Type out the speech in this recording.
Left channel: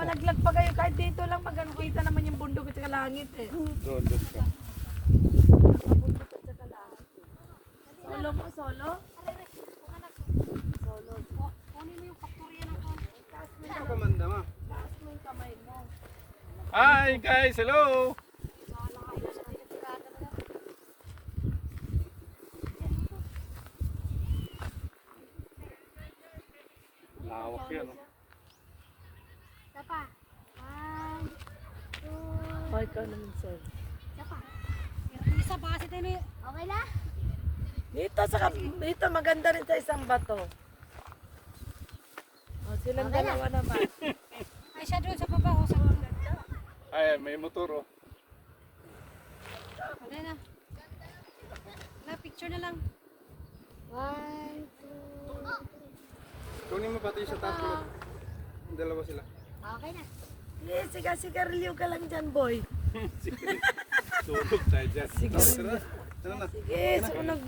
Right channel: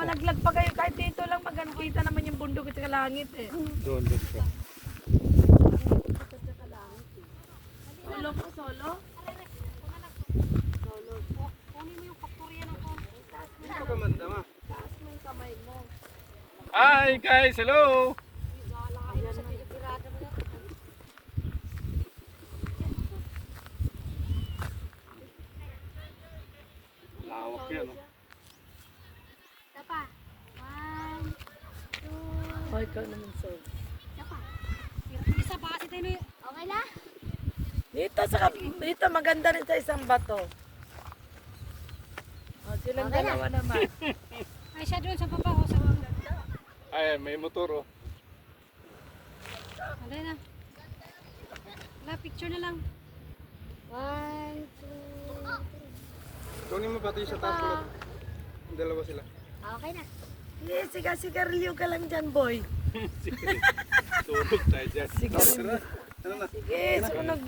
Malaglag pa kayo, kahit dito lang magkita naman yung bundok at saka langit eh. Doon siya. Solo mo, solo? Solo. Kunin mo yung faktorya ng konti. Ikaw kamanda ma. Taas mo yung kamay mo. Hi guys, hello! Lawak yan. Isa pa. 1, 2, Oh, ikaw naman, solo. isa pa. Isa pa kasi tayo. Okay na? Dito maganda rin sa isang bato. Oh, silang Okay na. dalawa naman. Ay, siya doon sa baba. Oh, sa ganda. Ay, may motor oh. Okay na. Wala, picture na lang. 1, 2. Kunin mo pati sa taas ulit. Ang dalawa sila. Okay na. Sige, sigarilyo ka lang dyan, boy. Tulog tayo dyan. Sigarilyo. Ano na? Sige, sunog